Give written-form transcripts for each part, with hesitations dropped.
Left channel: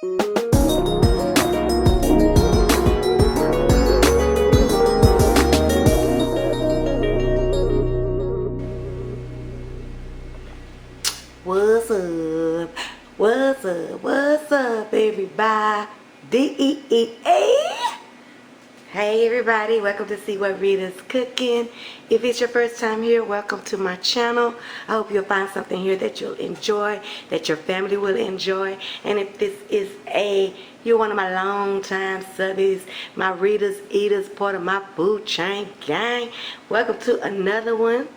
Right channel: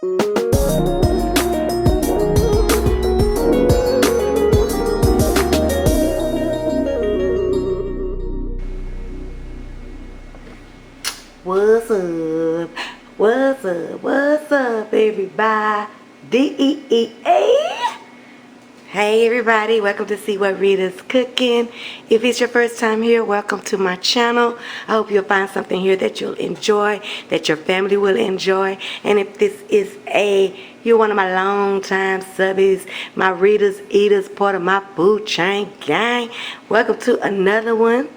What's up? What's up? What's up, everybody? Hey everybody, welcome to See What Rita's Cooking. If it's your first time here, welcome to my channel. I hope you'll find something here that you'll enjoy, that your family will enjoy. And if this is you're one of my long time subbies, my RitasEatas, part of my food chain gang, welcome to another one.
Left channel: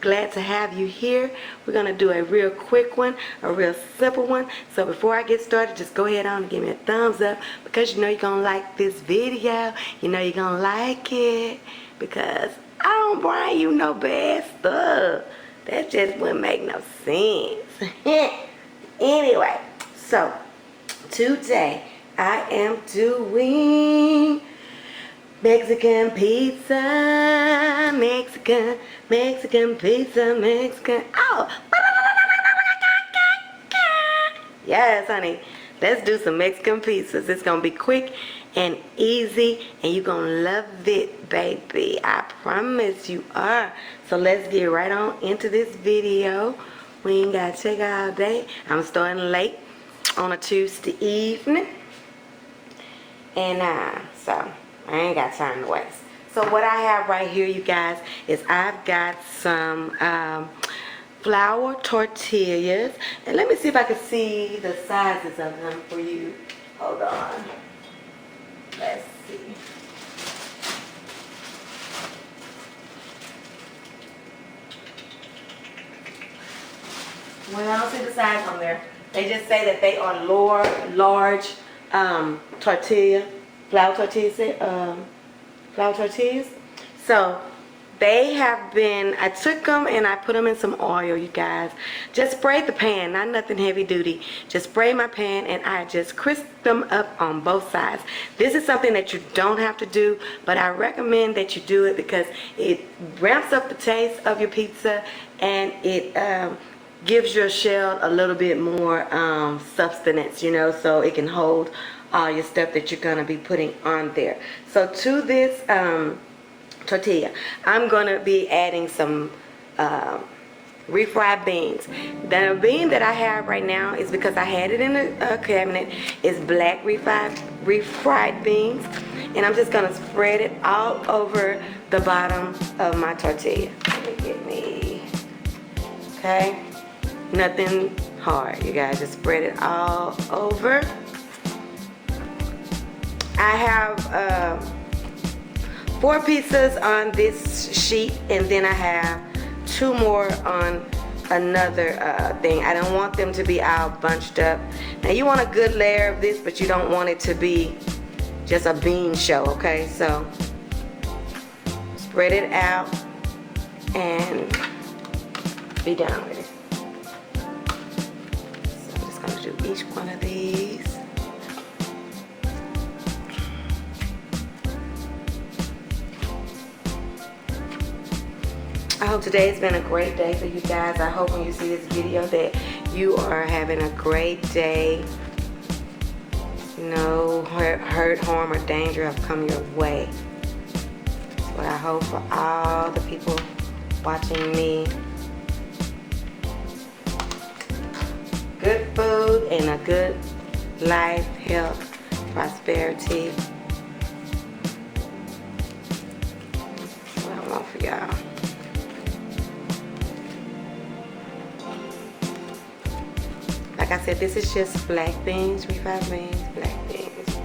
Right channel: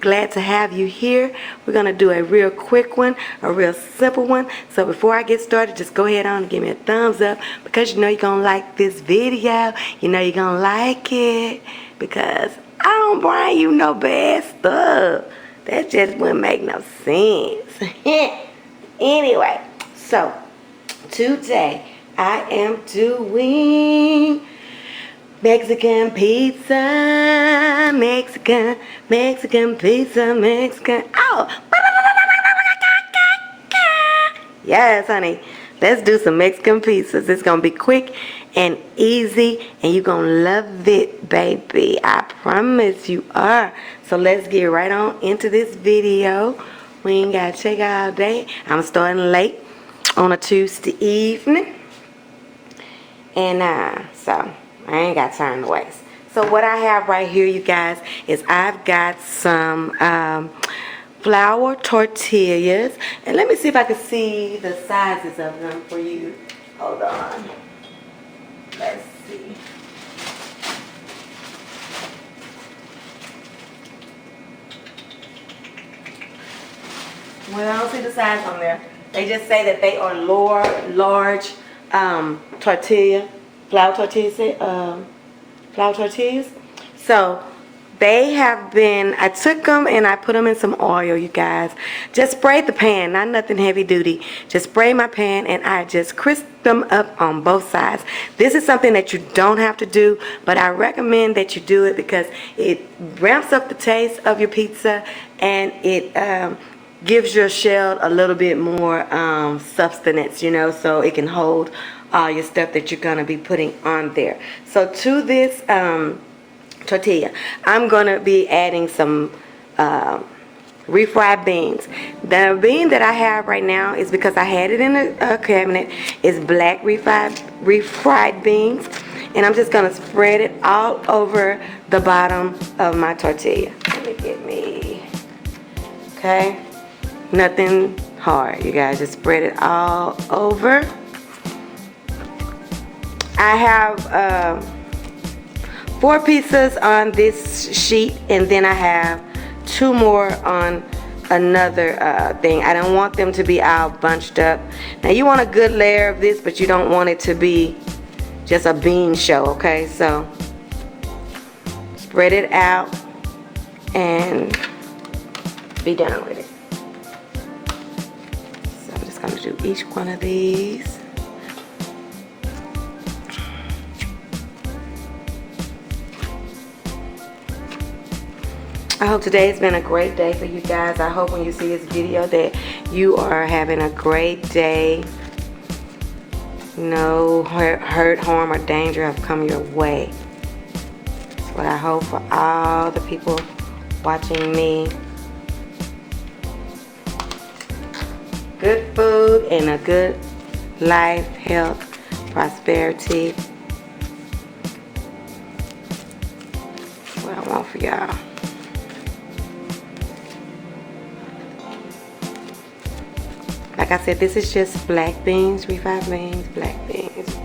Glad to have you here. We're going to do a real quick one, a real simple one. So before I get started, just go ahead on and give me a thumbs up, because you know you're going to like this video. You know you're going to like it, because I don't bring you no bad stuff. That just wouldn't make no sense. Anyway, so today I am doing Mexican pizza, Mexican pizza, Mexican. Oh! Yes, honey. Let's do some Mexican pizzas. It's going to be quick and easy, and you're going to love it, baby. I promise you are. So let's get right on into this video. We ain't got to check out all day. I'm starting late on a Tuesday evening. And so I ain't got time to waste. So what I have right here, you guys, is I've got some flour tortillas. And let me see if I can see the sizes of them for you. Hold on. Let's see. Well, I don't see the size on there. They just say that they are large tortilla, flour tortillas. So they have been, I took them and I put them in some oil, you guys. Just sprayed the pan, not nothing heavy duty. Just spray my pan and I just crisp them up on both sides. This is something that you don't have to do, but I recommend that you do it because it ramps up the taste of your pizza, and it gives your shell a little bit more substance, you know, so it can hold all your stuff that you're going to be putting on there. So to this tortilla, I'm going to be adding some refried beans. The bean that I have right now is because I had it in a cabinet. It's black refried beans, and I'm just going to spread it all over the bottom of my tortilla. Let me get me, okay? Nothing hard, you guys. Just spread it all over. I have 4 pizzas on this sheet, and then I have 2 more on another thing. I don't want them to be all bunched up. Now you want a good layer of this, but you don't want it to be just a bean show, okay? So spread it out and be done with it. So I'm just going to do each one of these. I hope today's been a great day for you guys. I hope when you see this video that you are having a great day. No hurt, harm, or danger have come your way. That's what I hope for all the people watching me. Good food and a good life, health, prosperity. What I want for y'all. Like I said, this is just black beans, refried beans, black beans.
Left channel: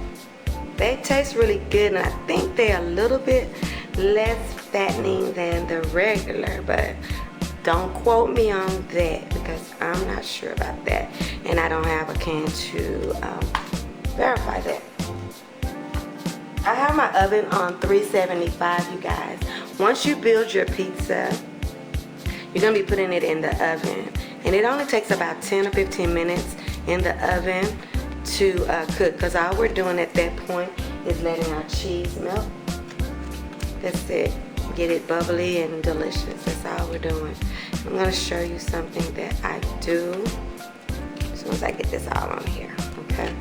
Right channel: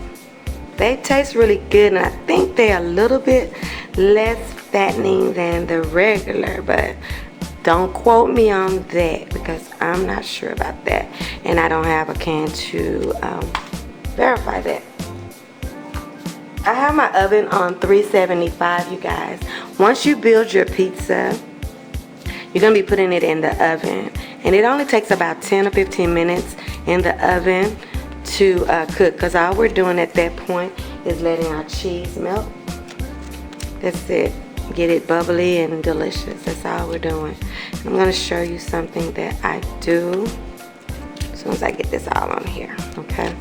They taste really good, and I think they're a little bit less fattening than the regular, but don't quote me on that because I'm not sure about that, and I don't have a can to verify that. I have my oven on 375, you guys. Once you build your pizza, you're going to be putting it in the oven. And it only takes about 10 or 15 minutes in the oven to cook, because all we're doing at that point is letting our cheese melt. That's it. Get it bubbly and delicious. That's all we're doing. I'm going to show you something that I do. So soon as I get this all on here, okay?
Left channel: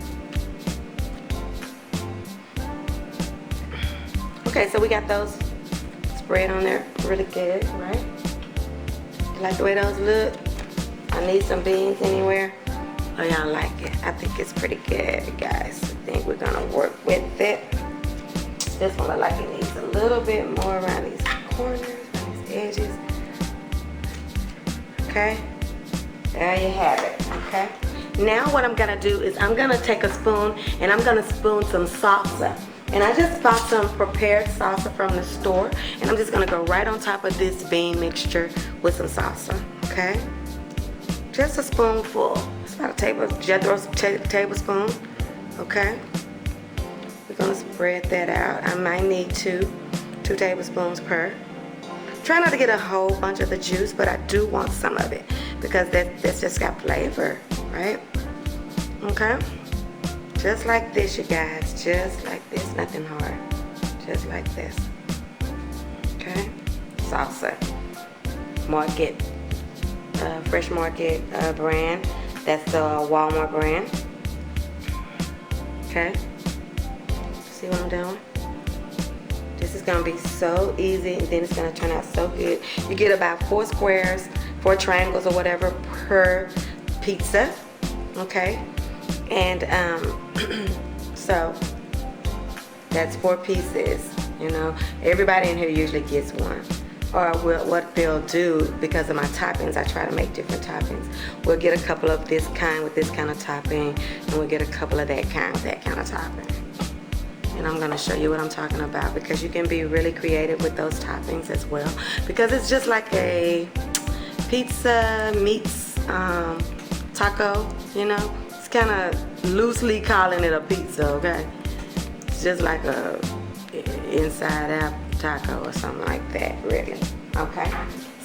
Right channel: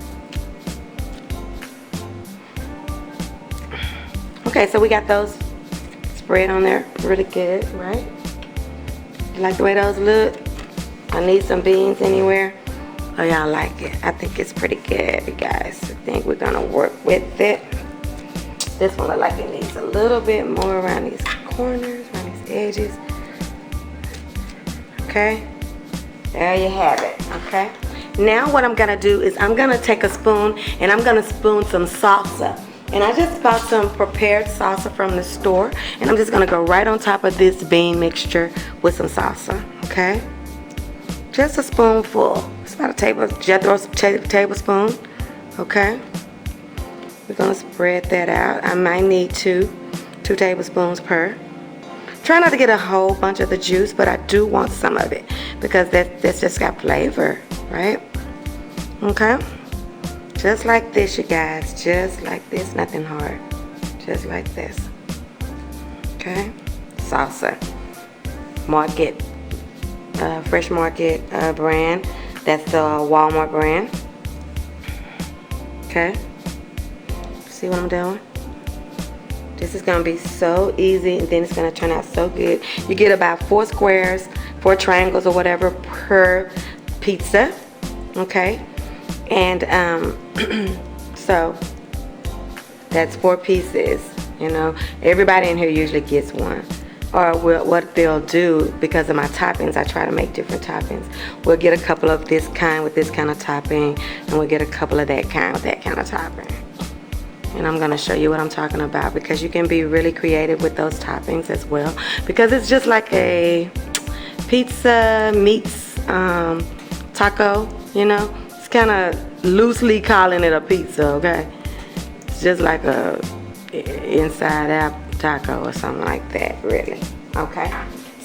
Okay, so we got those spread on there really good, right? You like the way those look? I need some beans anywhere. Oh, y'all like it? I think it's pretty good, guys. I think we're gonna work with it. This one look like it needs a little bit more around these corners, around these edges. Okay, there you have it, okay? Now what I'm gonna do is I'm gonna take a spoon and I'm gonna spoon some salsa. And I just bought some prepared salsa from the store, and I'm just gonna go right on top of this bean mixture with some salsa, okay? Just a spoonful. It's about a tablespoon, okay? We're gonna spread that out. I might need two tablespoons per. Try not to get a whole bunch of the juice, but I do want some of it because that's just got flavor, right? Okay? Just like this, you guys. Just like this, nothing hard. Just like this. Okay? Salsa. Market. Fresh Market brand. That's the Walmart brand. Okay? See what I'm doing? This is going to be so easy, and then it's going to turn out so good. You get about 4 squares, 4 triangles or whatever per pizza. Okay? And so that's 4 pieces, you know. Everybody in here usually gets one. Or what they'll do, because of my toppings, I try to make different toppings. We'll get a couple of this kind with this kind of topping, and we'll get a couple of that kind with that kind of topping. And I'm going to show you what I'm talking about, because you can be really creative with those toppings as well. Because it's just like a pizza meets taco, you know. It's kind of loosely calling it a pizza, okay? It's just like a inside out taco or something like that, really. Okay,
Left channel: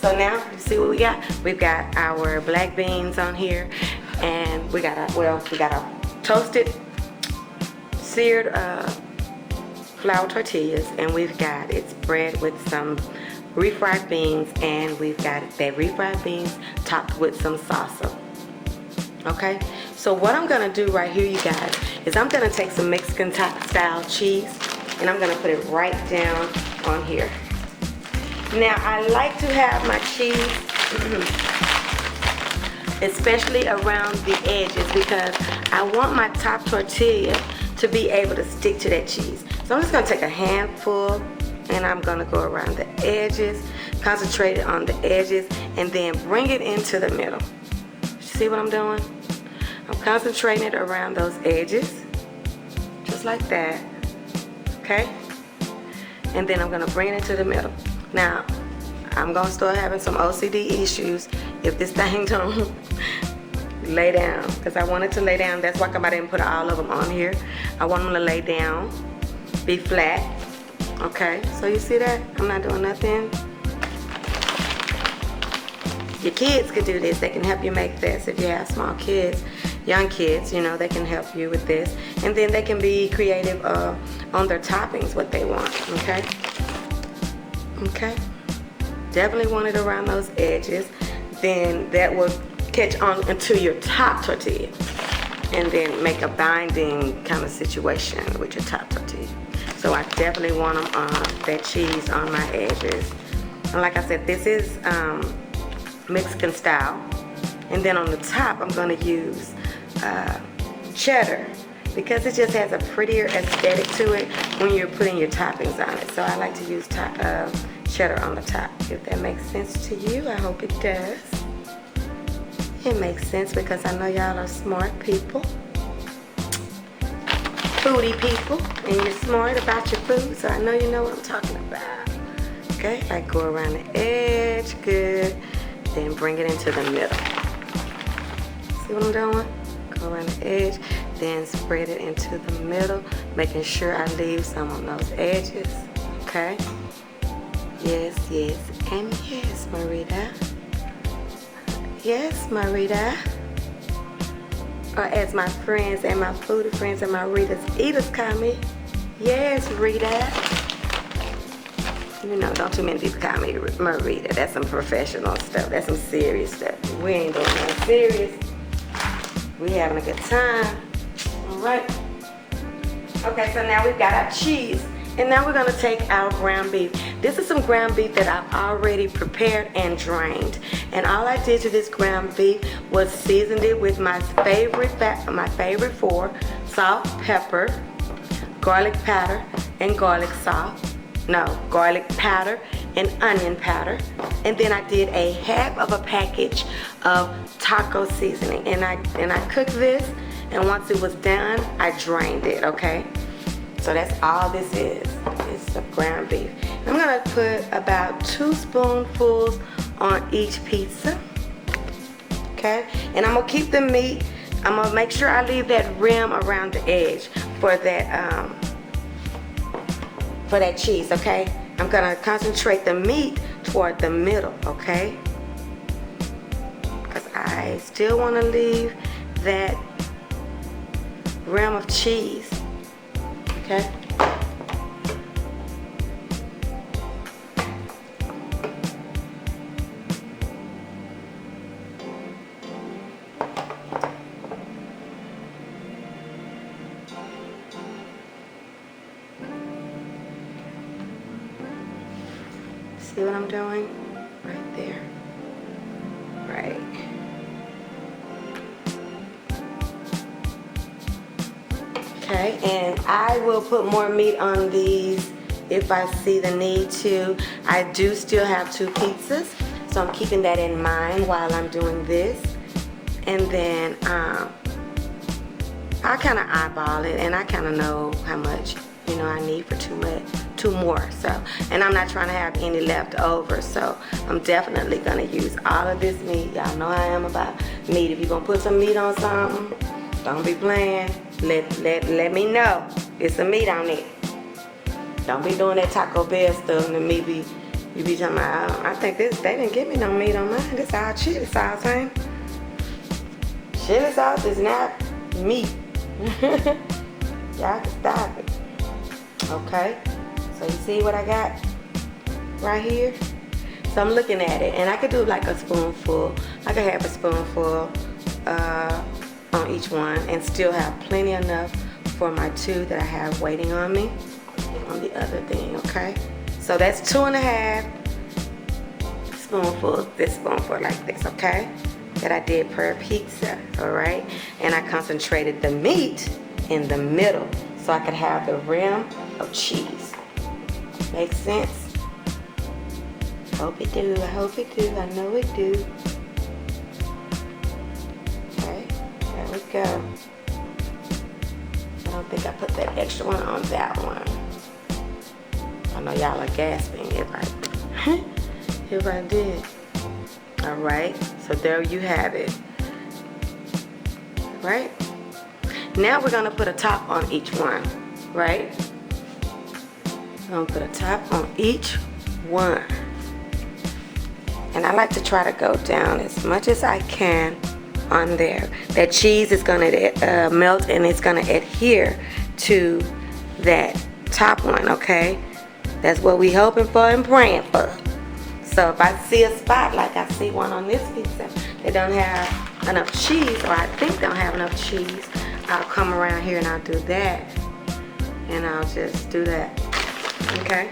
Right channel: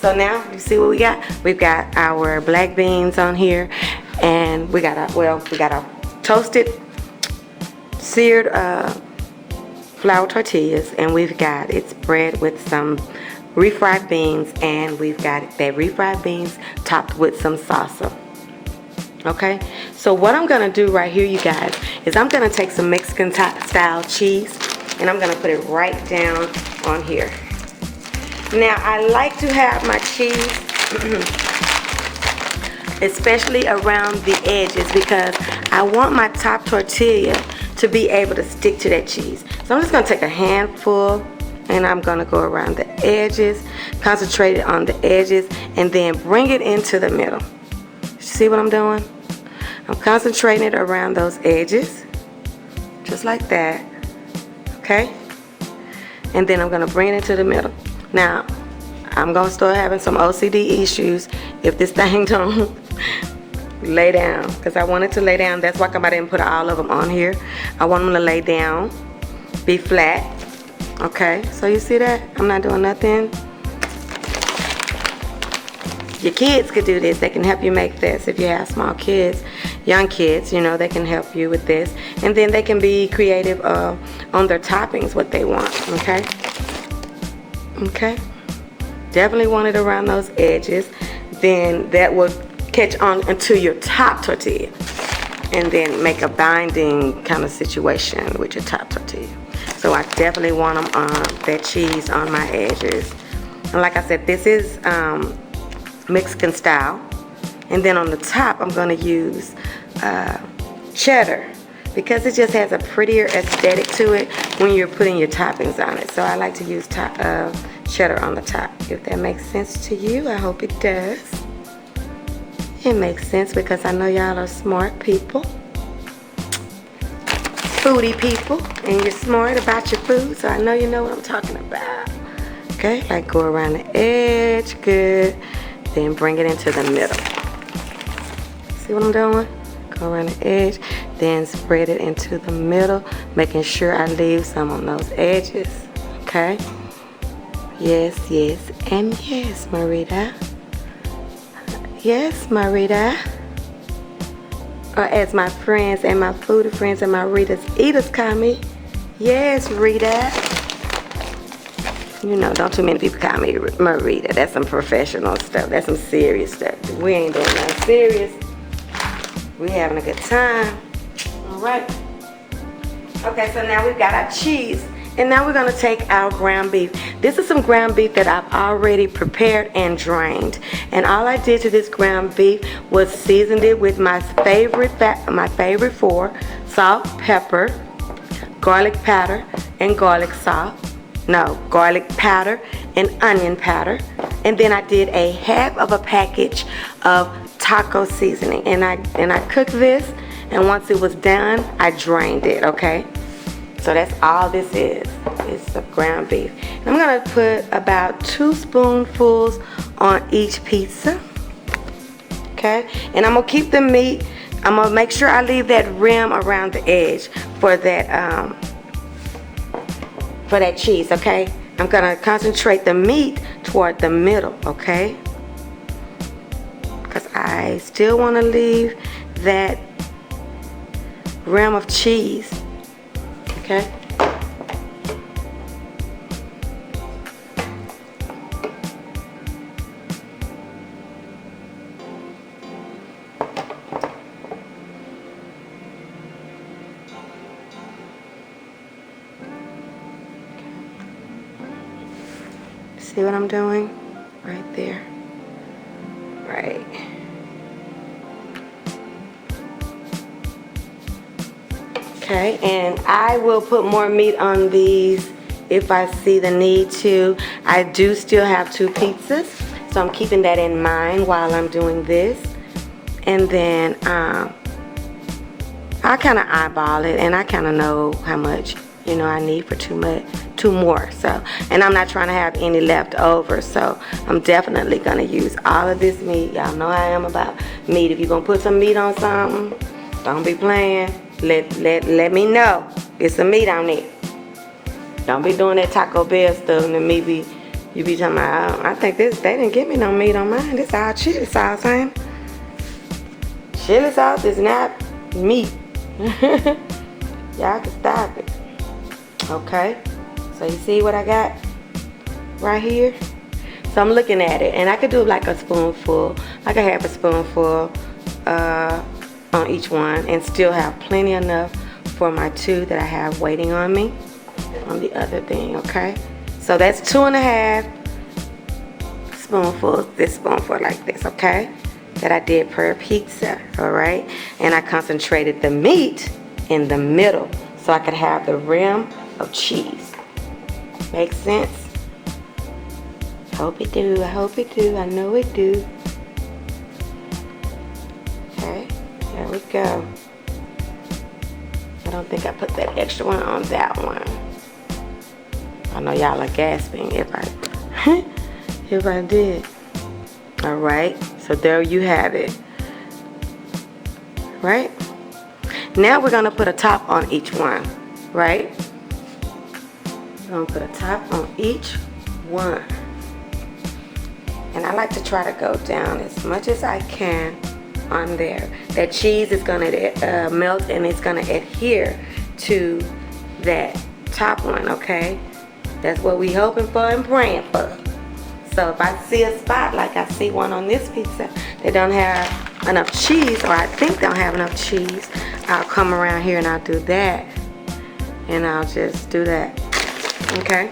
so now you see what we got. We've got our black beans on here, and we got our toasted seared flour tortillas, and we've got it spread with some refried beans, and we've got that refried beans topped with some salsa. Okay, so what I'm gonna do right here, you guys, is I'm gonna take some Mexican style cheese, and I'm gonna put it right down on here. Now I like to have my cheese especially around the edges, because I want my top tortilla to be able to stick to that cheese. So I'm just gonna take a handful, and I'm gonna go around the edges, concentrate it on the edges, and then bring it into the middle. See what I'm doing? I'm concentrating it around those edges, just like that, okay? And then I'm gonna bring it into the middle. Now, I'm gonna start having some OCD issues if this thing don't lay down, because I want it to lay down. That's why I didn't put all of them on here. I want them to lay down, be flat, okay? So you see that? I'm not doing nothing. Your kids could do this. They can help you make this. If you have small kids, young kids, you know, they can help you with this. And then they can be creative on their toppings, what they want, okay? Okay? Definitely want it around those edges. Then that will catch on into your top tortilla. And then make a binding kind of situation with your top tortilla. So I definitely want them on that cheese on my edges. And like I said, this is Mexican style. And then on the top, I'm gonna use cheddar, because it just has a prettier aesthetic to it when you're putting your toppings on it. So I like to use cheddar on the top. If that makes sense to you, I hope it does. It makes sense, because I know y'all are smart people, foodie people, and you're smart about your food, so I know you know what I'm talking about. Okay, I go around the edge, good, then bring it into the middle. See what I'm doing? Go around the edge, then spread it into the middle, making sure I leave some on those edges, okay? Yes, yes, and yes, Mureta. Yes, Mureta. Or as my friends and my foodie friends and my RitasEatas call me, yes, Rita. You know, don't too many people call me Mureta. That's some professional stuff. That's some serious stuff. We ain't doing nothing serious. We having a good time. All right. Okay, so now we've got our cheese. And now we're gonna take our ground beef. This is some ground beef that I've already prepared and drained. And all I did to this ground beef was seasoned it with my favorite four: salt, pepper, garlic powder, and garlic salt. No, garlic powder and onion powder. And then I did a half of a package of taco seasoning. And I cooked this, and once it was done, I drained it, okay? So that's all this is. It's the ground beef. I'm gonna put about 2 spoonfuls on each pizza. Okay? And I'm gonna keep the meat. I'm gonna make sure I leave that rim around the edge for that cheese, okay? I'm gonna concentrate the meat toward the middle, okay? Because I still wanna leave that rim of cheese. Okay. See what I'm doing? Right there. Right. Okay, and I will put more meat on these if I see the need to. I do still have 2 pizzas, so I'm keeping that in mind while I'm doing this. And then I kind of eyeball it, and I kind of know how much, you know, I need for 2 more. So, and I'm not trying to have any left over, so I'm definitely gonna use all of this meat. Y'all know how I am about meat. If you're gonna put some meat on something, don't be playing. Let me know. It's some meat on it. Don't be doing that Taco Bell stuff and then maybe you be talking about, I think they didn't give me no meat on mine. This all chili sauce, man. Chili sauce is not meat. Y'all can stop it. Okay. So you see what I got right here? So I'm looking at it, and I could do like a spoonful, like a half a spoonful on each one, and still have plenty enough for my 2 that I have waiting on me on the other thing, okay? So that's 2.5 spoonfuls, this spoonful like this, okay? That I did per pizza, all right? And I concentrated the meat in the middle so I could have the rim of cheese. Makes sense? Hope it do, I hope it do, I know it do. There we go. I don't think I put that extra one on that one. I know y'all are gasping if I did. All right, so there you have it. Right? Now we're gonna put a top on each one, right? I'm gonna put a top on each one. And I like to try to go down as much as I can on there. That cheese is gonna melt and it's gonna adhere to that top one, okay? That's what we hoping for and praying for. So if I see a spot like I see one on this pizza that don't have enough cheese, or I think don't have enough cheese, I'll come around here and I'll do that. And I'll just do that, okay?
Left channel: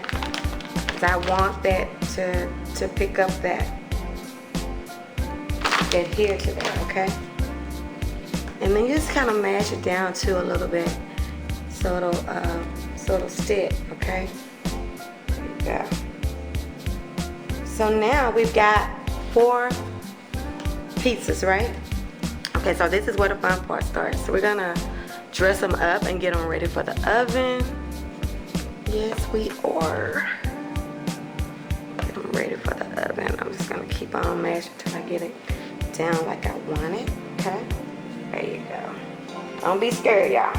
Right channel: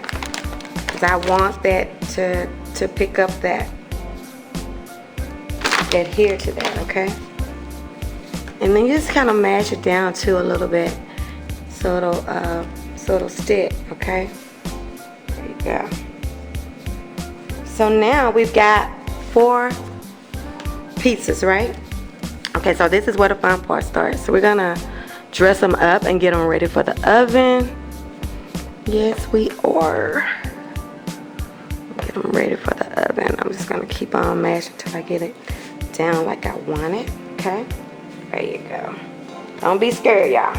Because I want that to pick up that, adhere to that, okay? And then just kind of mash it down too a little bit so it'll stick, okay? There you go. So now we've got 4 pizzas, right? Okay, so this is where the fun part starts. So we're gonna dress them up and get them ready for the oven. Yes, we are. Get them ready for the oven. I'm just gonna keep on mashing until I get it down like I want it, okay? There you go. Don't be scared, y'all.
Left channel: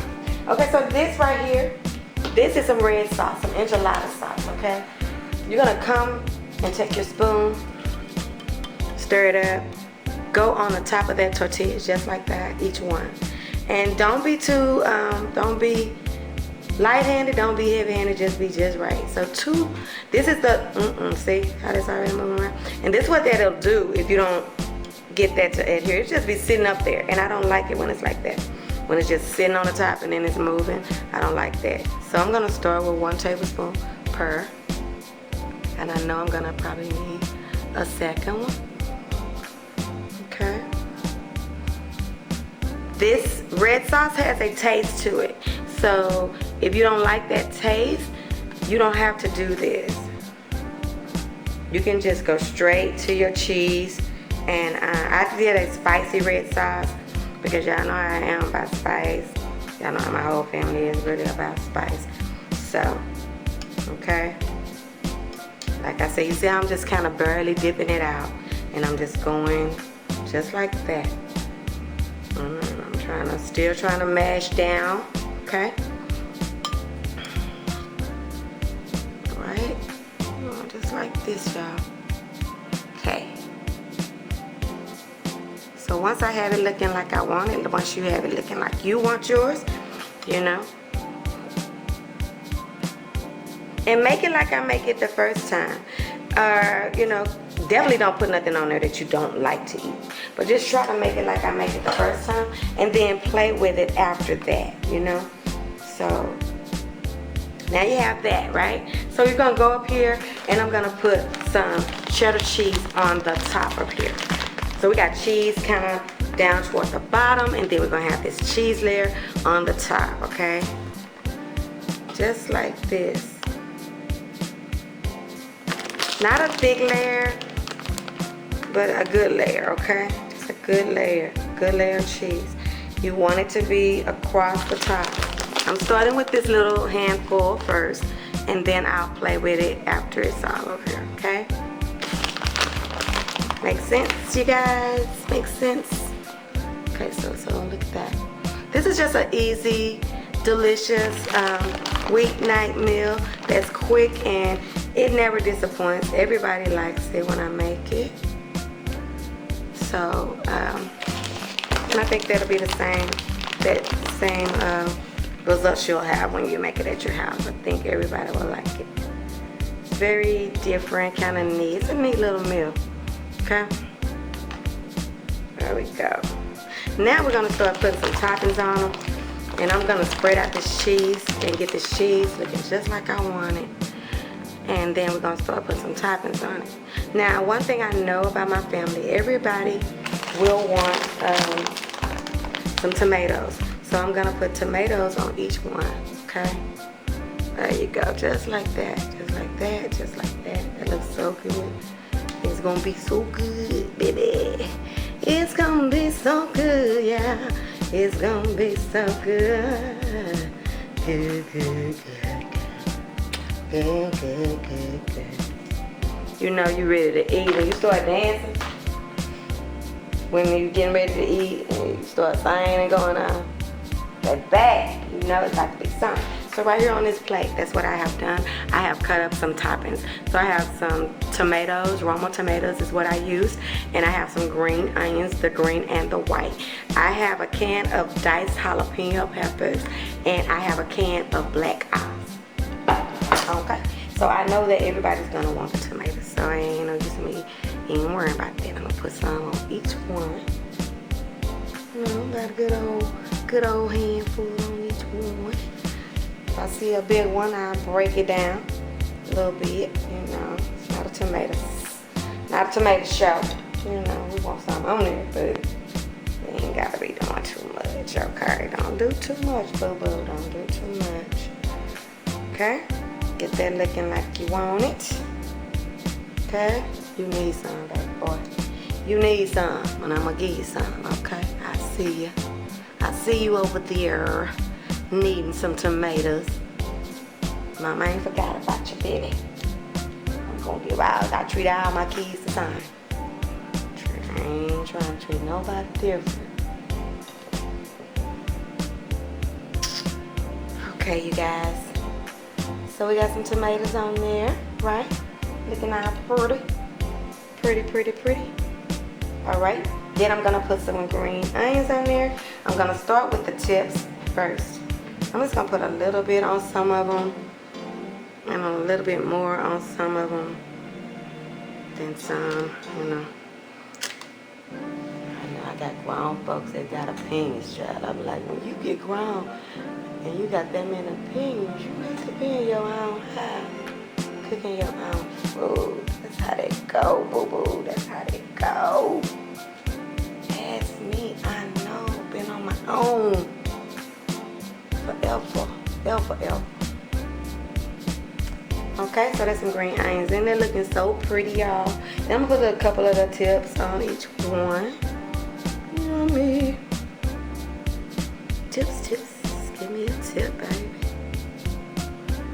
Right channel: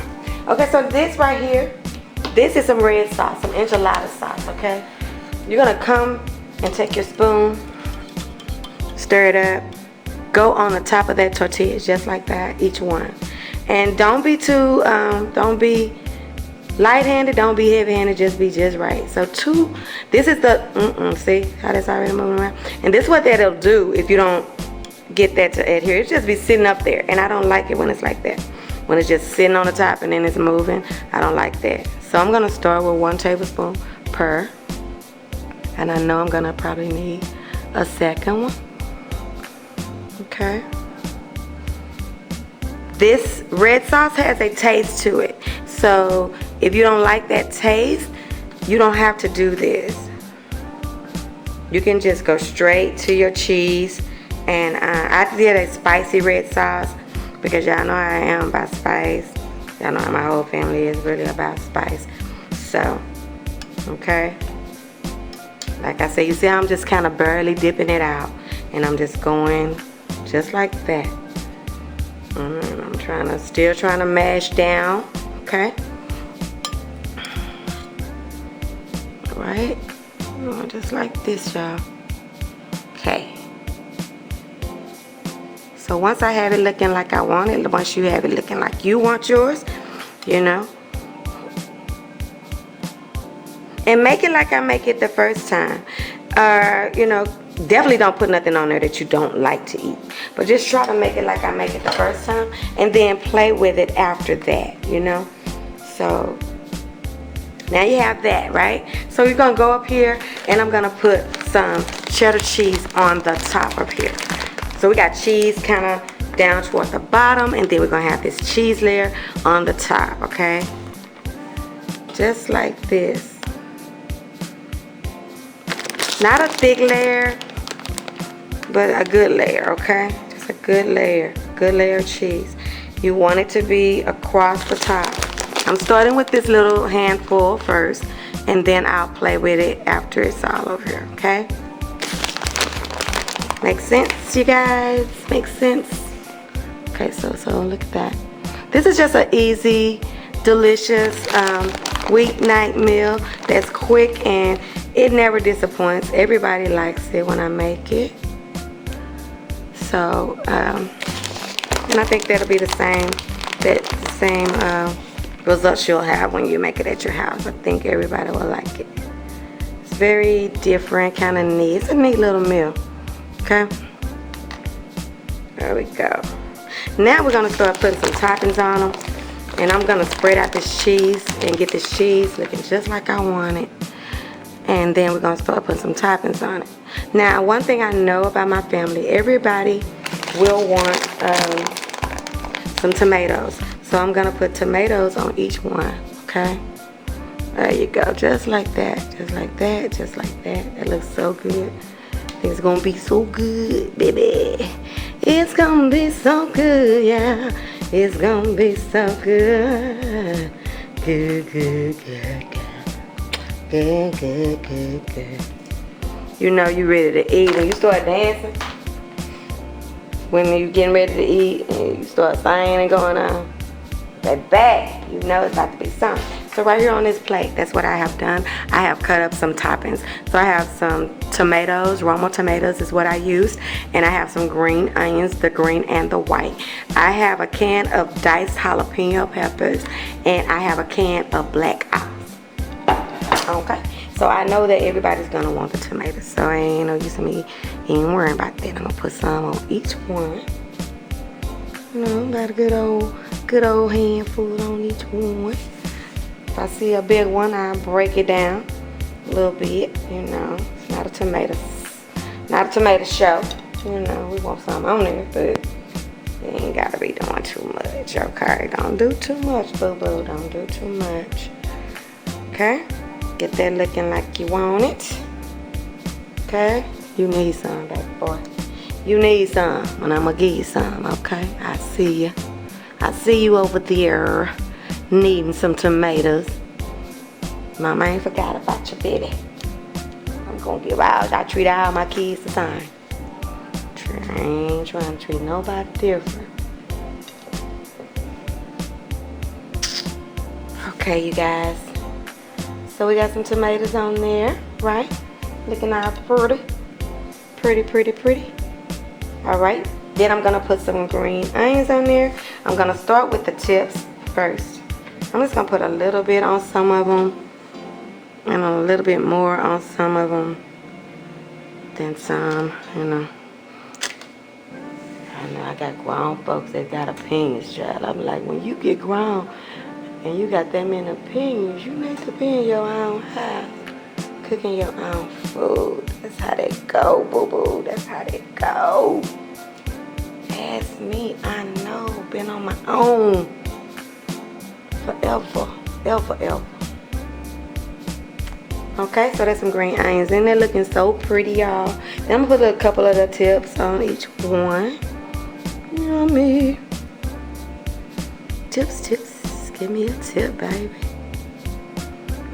Okay, so this right here, this is some red sauce, some enchilada sauce, okay? You're gonna come and take your spoon, stir it up, go on the top of that tortilla just like that, each one. And don't be too, don't be light-handed, don't be heavy-handed, just be just right. So this is the, see how that's already moving around? And this is what that'll do if you don't get that to adhere. It just be sitting up there, and I don't like it when it's like that. When it's just sitting on the top and then it's moving, I don't like that. So I'm gonna start with 1 tablespoon per, and I know I'm gonna probably need a second one. Okay. This red sauce has a taste to it, so if you don't like that taste, you don't have to do this. You can just go straight to your cheese, and I did a spicy red sauce because y'all know I am about spice. Y'all know my whole family is really about spice. So, okay. Like I said, you see how I'm just kind of barely dipping it out, and I'm just going just like that. I'm still trying to mash down, okay? Right? Just like this, y'all. Okay. So once I have it looking like I want it, once you have it looking like you want yours, you know, and make it like I make it the first time. You know, definitely don't put nothing on there that you don't like to eat. But just try to make it like I make it the first time, and then play with it after that, you know. So now you have that, right? So you're gonna go up here, and I'm gonna put some cheddar cheese on the top of here. So we got cheese kind of down toward the bottom, and then we're gonna have this cheese layer on the top, okay? Just like this. Not a thick layer, but a good layer, okay? Just a good layer of cheese. You want it to be across the top. I'm starting with this little handful first, and then I'll play with it after it's all over here, okay? Makes sense, you guys? Makes sense? Okay, so look at that. This is just an easy, delicious weeknight meal that's quick, and it never disappoints. Everybody likes it when I make it. So, and I think that'll be the same results you'll have when you make it at your house. I think everybody will like it. It's very different, kind of neat. It's a neat little meal. Okay, there we go. Now we're gonna start putting some toppings on them, and I'm gonna spread out this cheese and get this cheese looking just like I want it. And then we're gonna start putting some toppings on it. Now, one thing I know about my family, everybody will want some tomatoes. So I'm gonna put tomatoes on each one, okay? There you go, just like that, just like that, just like that. It looks so good. It's gonna be so good, baby. It's gonna be so good, yeah. It's gonna be so good. Good, good, good, good, good, good, good. You know you ready to eat when you start dancing. When you're getting ready to eat, and you start singing and going on. That back, you know it's got to be something. So right here on this plate, that's what I have done. I have cut up some toppings. So I have some tomatoes, Roma tomatoes is what I used. And I have some green onions, the green and the white. I have a can of diced jalapeno peppers, and I have a can of black olives. Okay, so I know that everybody's gonna want the tomatoes. So I ain't no use me even worrying about that. I'm gonna put some on each one. You know, got a good old handful on each one. If I see a big one, I break it down a little bit. You know, it's not a tomato show. You know, we want some on there, but you ain't gotta be doing too much. Okay, don't do too much, boo boo. Don't do too much. Okay, get that looking like you want it. Okay, you need some, baby boy. You need some, and I'm gonna give you some. Okay, I see you. I see you over there needing some tomatoes. Mama ain't forgot about you, baby. I'm gonna give out. I treat all my kids the same. I ain't trying to treat nobody different. Okay, you guys. So we got some tomatoes on there, right? Looking all pretty. Pretty. All right. Then I'm gonna put some green onions on there. I'm gonna start with the tips first. I'm just gonna put a little bit on some of them, and a little bit more on some of them than some, you know. got grown folks that got opinions, child. I'm like, when you get grown and you got that many opinions, you need to be in your own house, cooking your own food. That's how they go, boo-boo. That's how they go. Ask me, I know. Been on my own forever. Okay, so there's some green onions in there looking so pretty, y'all. Then I'm gonna put a couple of the tips on each one. Yummy. Tips. Give me a tip, baby.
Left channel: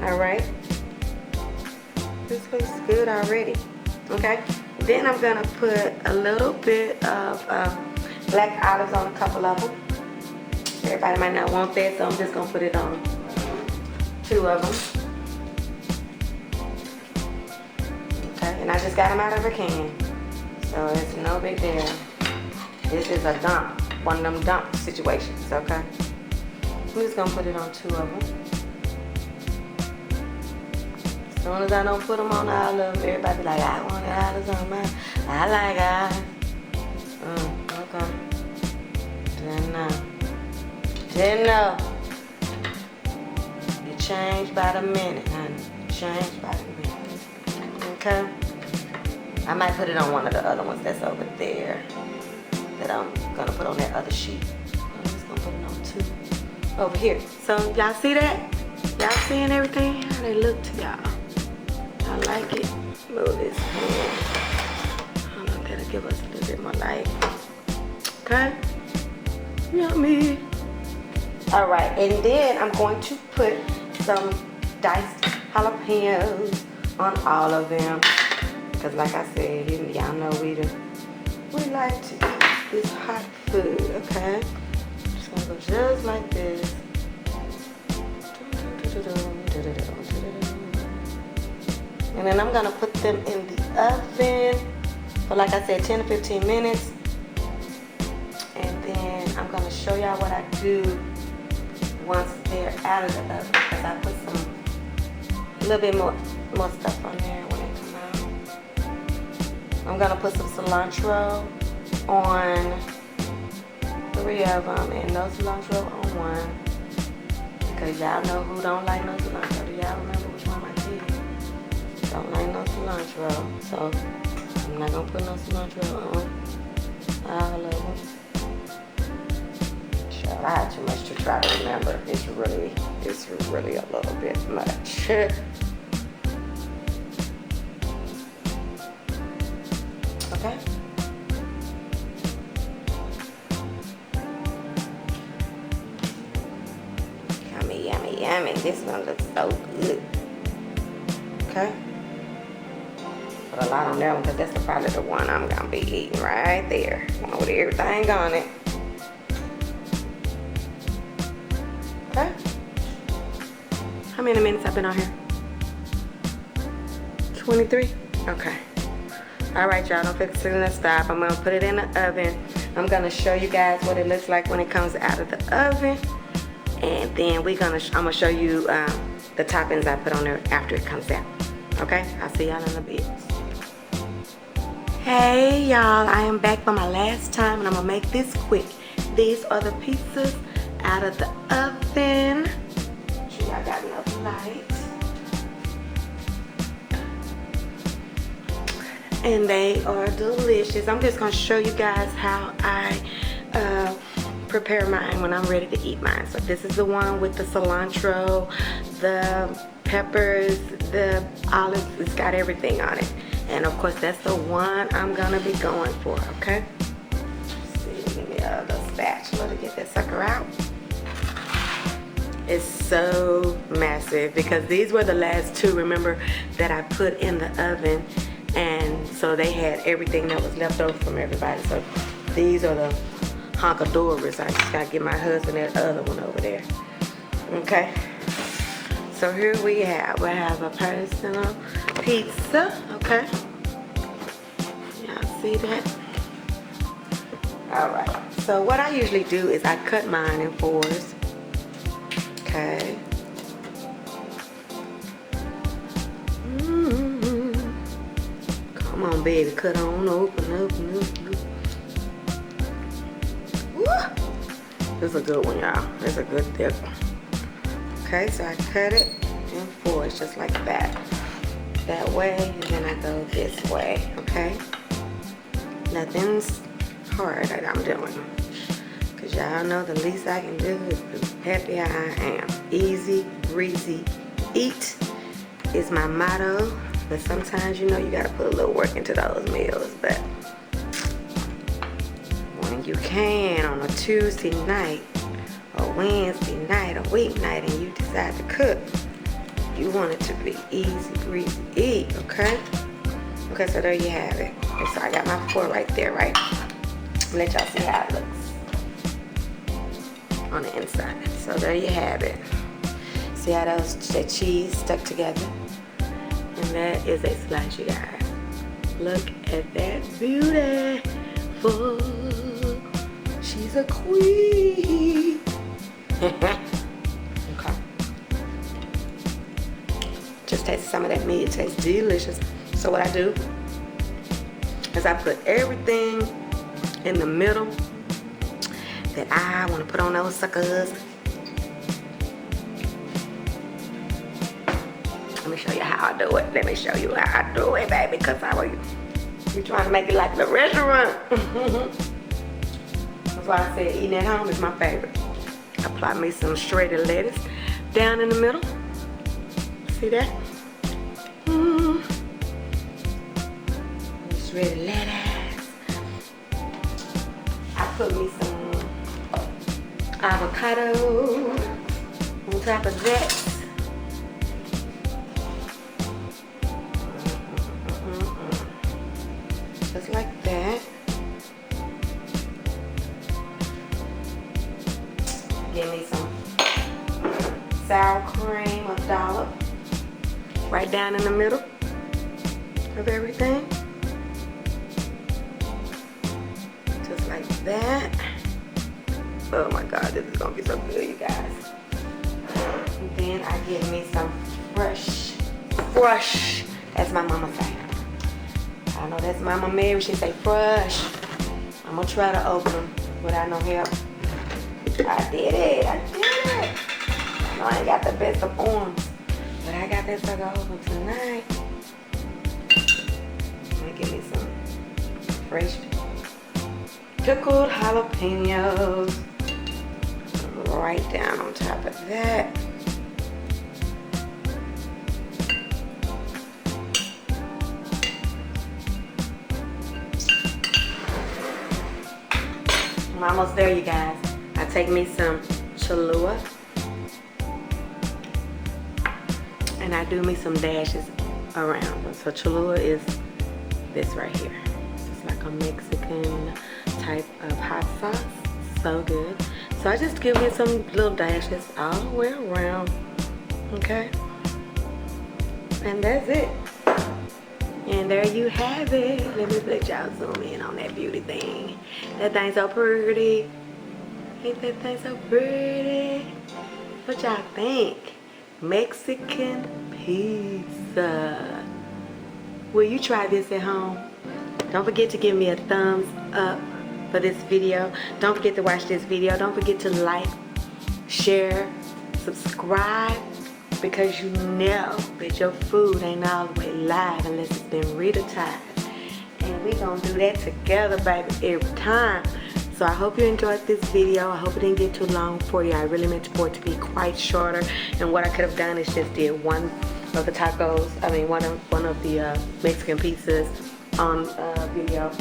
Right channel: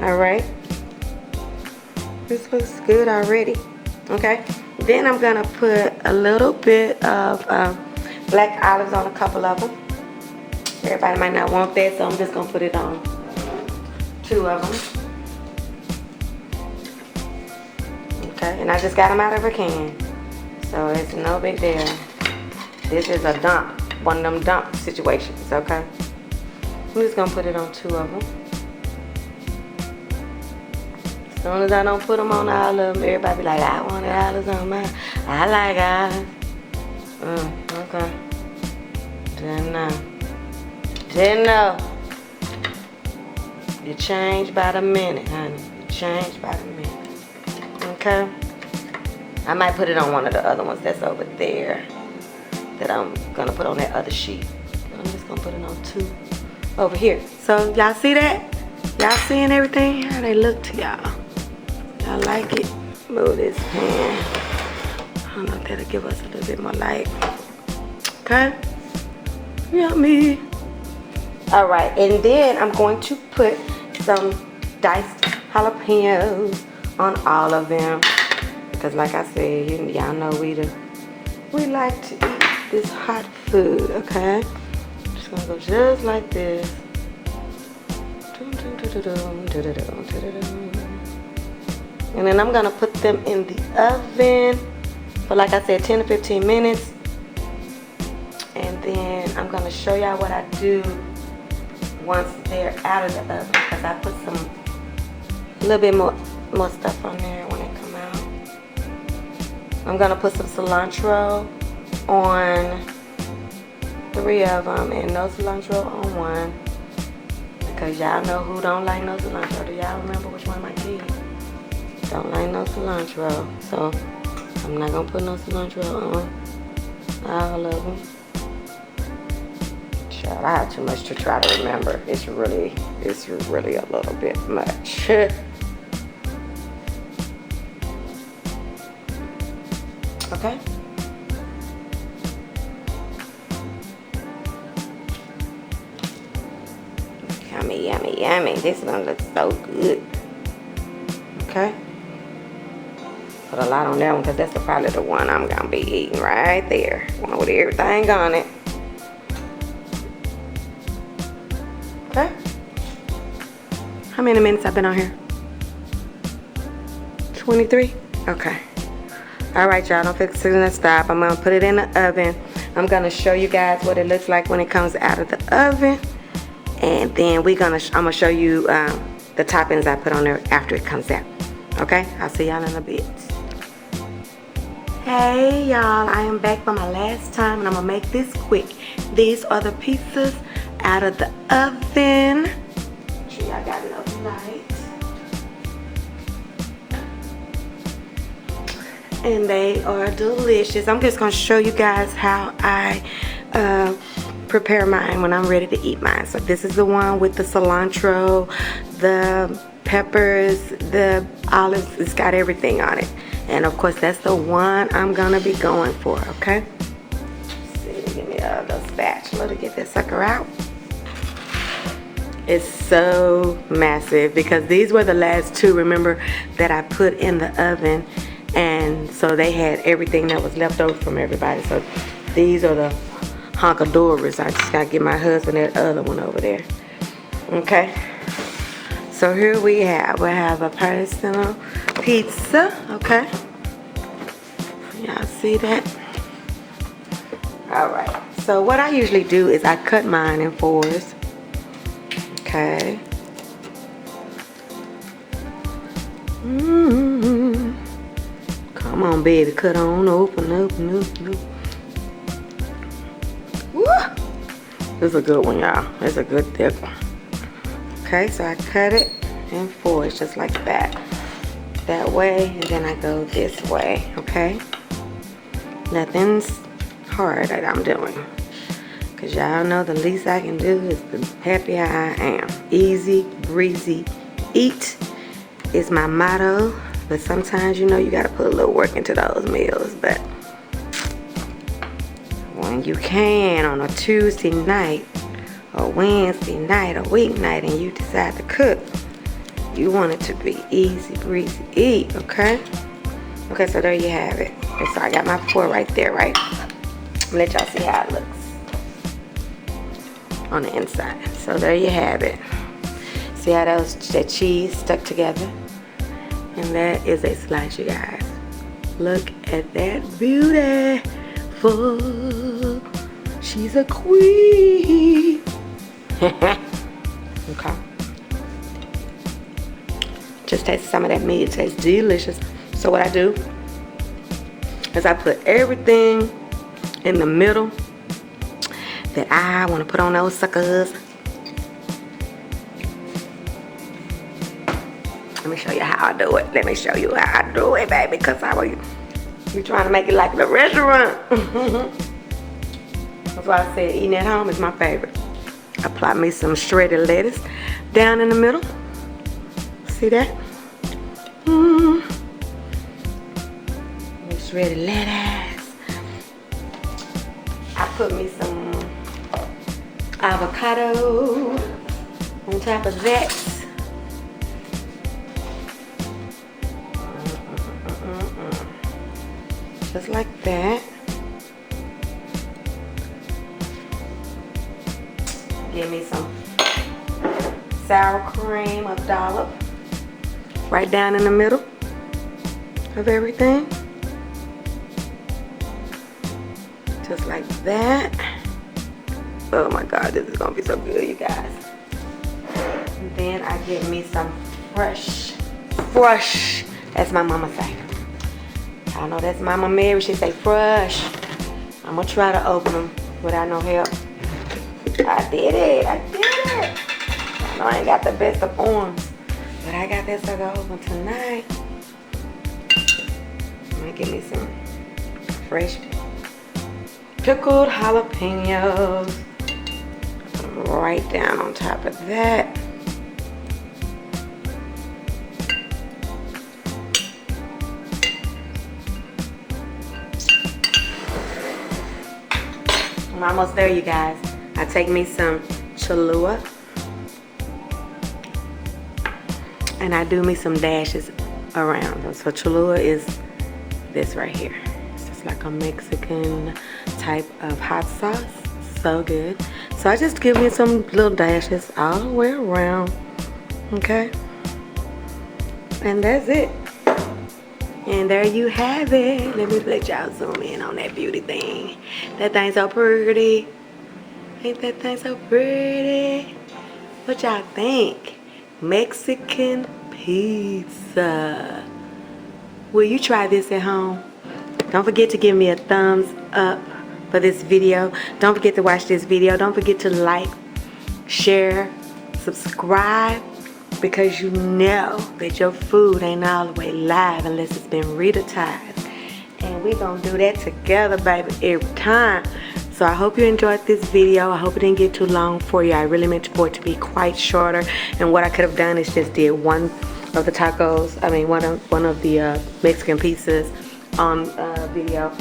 Alright. This looks good already. Okay. Then I'm gonna put a little bit of black olives on a couple of them. Everybody might not want that, so I'm just gonna put it on 2 of them. And I just got them out of a can, so it's no big deal. This is a dump, one of them dump situations, okay? I'm just gonna put it on 2 of them. As soon as I don't put them on all of them, everybody be like, I want olives on mine. I like olives. Okay. Didn't know. You change by the minute, honey. You change by the minute. Okay? I might put it on one of the other ones that's over there that I'm gonna put on that other sheet. I'm just gonna put it on 2 over here. So y'all see that? Y'all seeing everything? How they look to y'all? Y'all like it? Move this hand. I don't know if that'll give us a little bit more light. Okay? Yummy. Alright, and then I'm going to put some diced jalapenos on all of them. Because like I said, y'all know we like to eat this hot food, okay? So I'm going to go just like this. And then I'm going to put them in the oven for, like I said, 10 to 15 minutes. And then I'm going to show y'all what I do once they're out of the oven. Because I put a little bit more stuff on there. I'm gonna put some cilantro on 3 of them and no cilantro on 1, because y'all know who don't like no cilantro. Do y'all remember which one I did? Don't like no cilantro, so I'm not gonna put no cilantro on all of them. Child, I have too much to try to remember. It's really a little bit much. Okay. Yummy. This one looks so good. Okay. Put a lot on that one because that's probably the one I'm gonna be eating right there. One with everything on it. Okay. How many minutes I've been on here? 23? Okay. Alright, y'all, don't fix it in the stop. I'm going to put it in the oven. I'm going to show you guys what it looks like when it comes out of the oven. And then I'm going to show you the toppings I put on there after it comes out. Okay? I'll see y'all in a bit. Hey, y'all. I am back for my last time, and I'm going to make this quick. These are the pizzas out of the oven. Make sure y'all got enough light. And they are delicious. I'm just going to show you guys how I prepare mine when I'm ready to eat mine. So this is the one with the cilantro, the peppers, the olives. It's got everything on it. And of course, that's the one I'm going to be going for, okay? Let's see, give me a spatula to get that sucker out. It's so massive because these were the last 2, remember, that I put in the oven. And so they had everything that was left over from everybody. So these are the honkadoras. I just gotta get my husband that other one over there. Okay. So here we have a personal pizza. Okay. Y'all see that? All right. So what I usually do is I cut mine in 4s. Okay. Come on, baby, cut on, open. This is a good one, y'all. It's a good thick one. Okay, so I cut it in 4s just like that. That way, and then I go this way, okay? Nothing's hard that I'm doing. Because y'all know the least I can do is be happy how I am. Easy, breezy, eat is my motto. But sometimes, you know, you got to put a little work into those meals. But when you can on a Tuesday night, or Wednesday night, or weeknight, and you decide to cook, you want it to be easy, breezy, eat, okay? Okay, so there you have it. And so I got my 4 right there, right? Let y'all see how it looks on the inside. So there you have it. See how that cheese stuck together? And that is a slice, you guys. Look at that beautiful. She's a queen. Okay. Just taste some of that meat. It tastes delicious. So what I do is I put everything in the middle that I want to put on those suckers. Let me show you how I do it. Let me show you how I do it, baby, because I will be trying to make it like the restaurant. That's why I said eating at home is my favorite. Apply me some shredded lettuce down in the middle. See that? Shredded lettuce. I put me some avocado on top of that. Just like that. Give me some sour cream, a dollop, right down in the middle of everything. Just like that. Oh my God, this is gonna be so good, you guys. And then I give me some fresh, that's my mama favorite. I know that's Mama Mary, she say fresh. I'm gonna try to open them without no help. I did it. I know I ain't got the best of arms, but I got this sucker open tonight. Let me give me some fresh pickled jalapenos. Right down on top of that. I'm almost there, you guys. I take me some Cholula and I do me some dashes around them. So Cholula is this right here. It's just like a Mexican type of hot sauce. So good. So I just give me some little dashes all the way around. Okay? And that's it. And there you have it. Let me let y'all zoom in on that beauty thing. That thing's so pretty. Ain't that thing so pretty? What y'all think? Mexican pizza. Will you try this at home? Don't forget to give me a thumbs up for this video. Don't forget to watch this video. Don't forget to like, share, subscribe, because you know that your food ain't all the way live unless it's been Ritatized. And we're gonna do that together, baby, every time. So I hope you enjoyed this video. I hope it didn't get too long for you. I really meant for it to be quite shorter. And what I could have done is just did one of the tacos, one of the Mexican pizzas on video.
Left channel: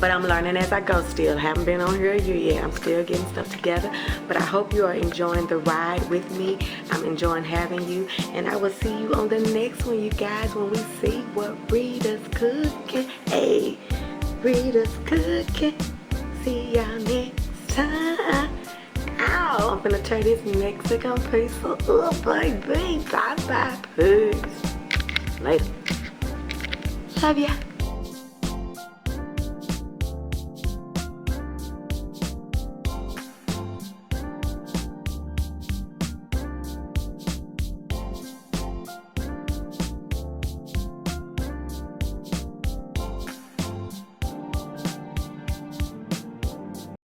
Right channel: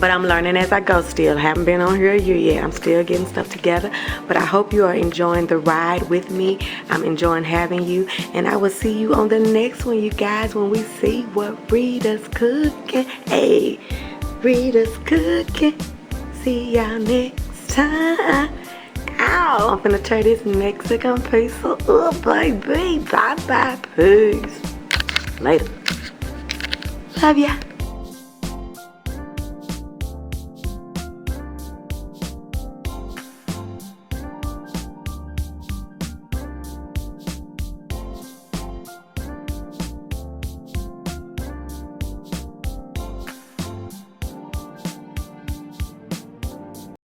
But I'm learning as I go still. Haven't been on here a year yet. I'm still getting stuff together. But I hope you are enjoying the ride with me. I'm enjoying having you. And I will see you on the next one, you guys, when we see what Rita's cooking. Hey, Rita's cooking. See y'all next time. Ow, I'm gonna turn this Mexican pizza up, baby. Bye-bye, peace. Later. Love ya.